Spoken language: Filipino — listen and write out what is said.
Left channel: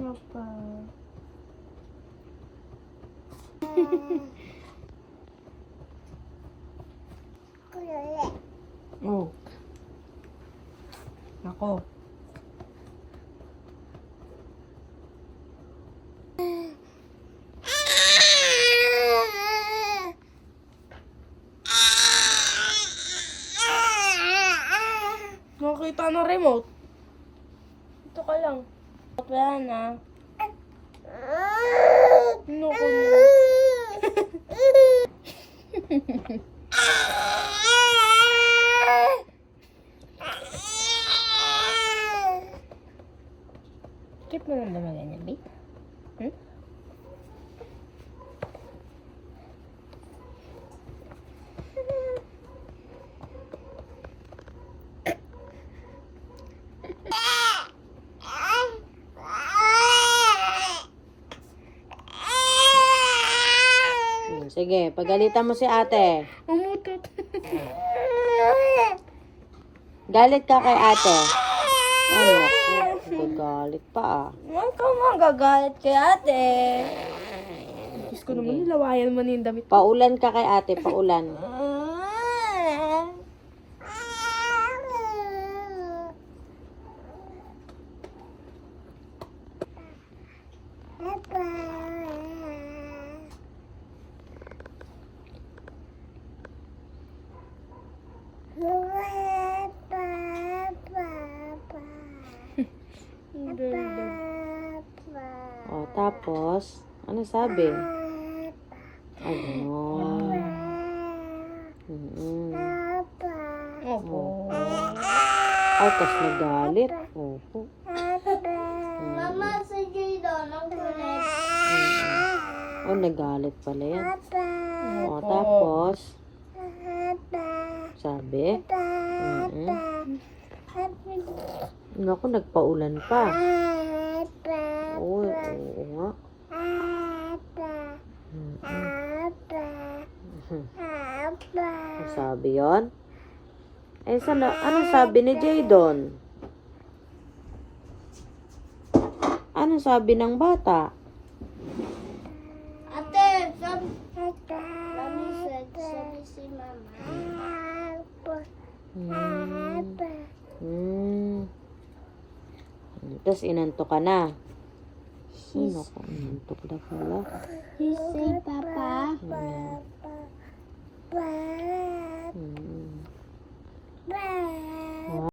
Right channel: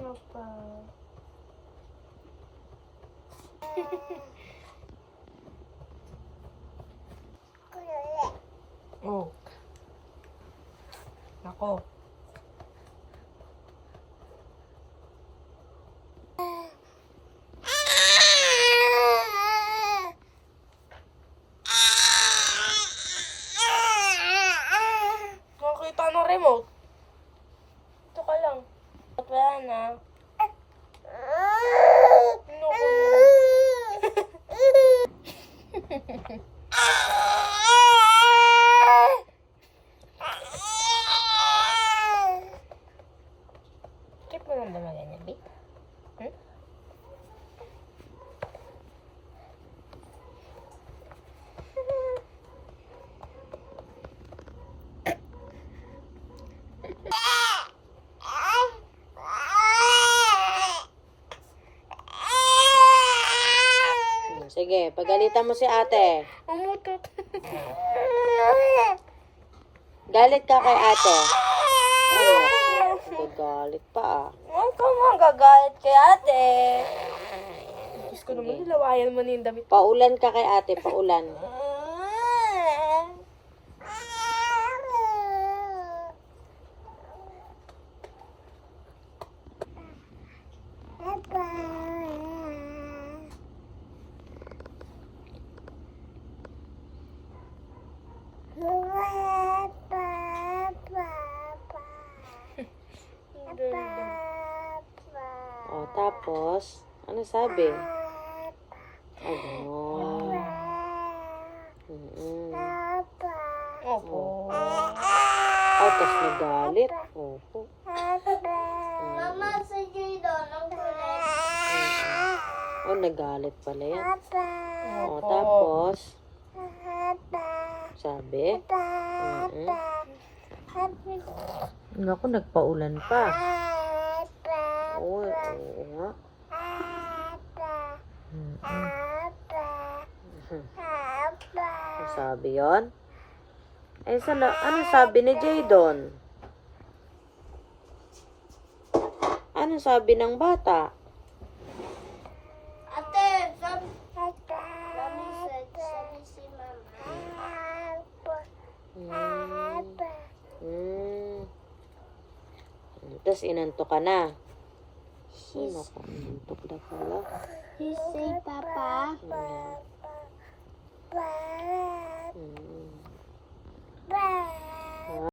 Papa. Oh. Nako. Nakita ng remote. Ito ka lang. At wala na. Naku na. Trip mo lang ba ganyan, babe? Hmm? Sige, pagalitan mo si ate. Umutot. Galit ka kay ate. Galit pa ah. Huwag ka magagalit kay ate. Diyos ko naman, nilawayan mo na yung damit. Paulan ka kay ate, paulan. O, tapos, ano sabi? Opo. Tapos nagalit. Mama, si Jadon, ang kulit. Oh, nagalit pala yan. O, Opo. tapos, sabi? Naku, nagpaulan pa. Oo nga. Sabi yon. Eh, sana, ano sabi ni Jadon? Ano sabi ng bata? Ate, sabi si Mama. Tapos inanto ka na. Naku, inantok na pala. Si Papa. Hmm.